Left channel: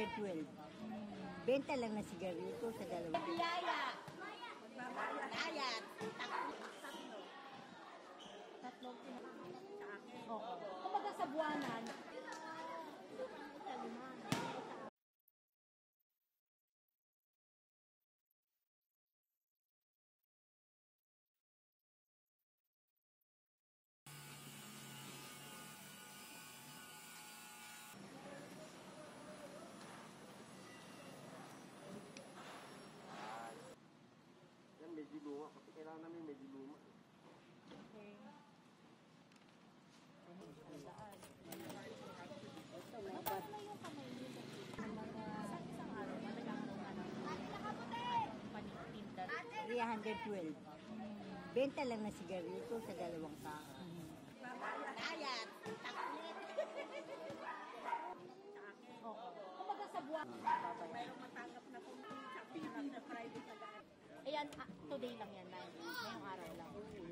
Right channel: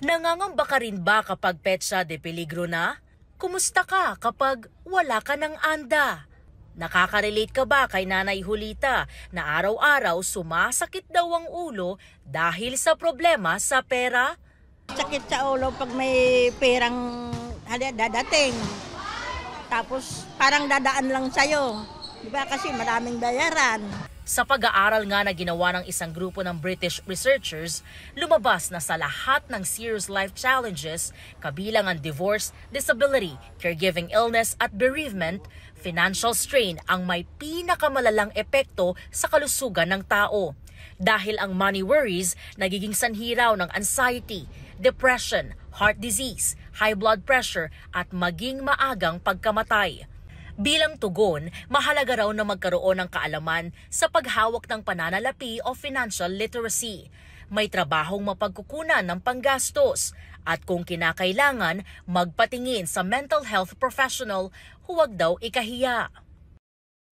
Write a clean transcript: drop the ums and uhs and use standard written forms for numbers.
Nangangamba ka rin ba kapag petsa de peligro na? Kumusta ka kapag wala ka ng anda? Nakaka-relate ka ba kay Nanay Julita na araw-araw sumasakit daw ang ulo dahil sa problema sa pera? Sakit sa ulo pag may perang dadating. Tapos parang dadaan lang sa'yo. Diba kasi maraming bayaran. Sa pag-aaral nga na ginawa ng isang grupo ng British researchers, lumabas na sa lahat ng serious life challenges, kabilang ang divorce, disability, caregiving illness at bereavement, financial strain ang may pinakamalalang epekto sa kalusugan ng tao. Dahil ang money worries nagiging sanhi raw ng anxiety, depression, heart disease, high blood pressure at maging maagang pagkamatay. Bilang tugon, mahalaga raw na magkaroon ng kaalaman sa paghawak ng pananalapi o financial literacy. May trabahong mapagkukunan ng panggastos at kung kinakailangan, magpatingin sa mental health professional, huwag daw ikahiya.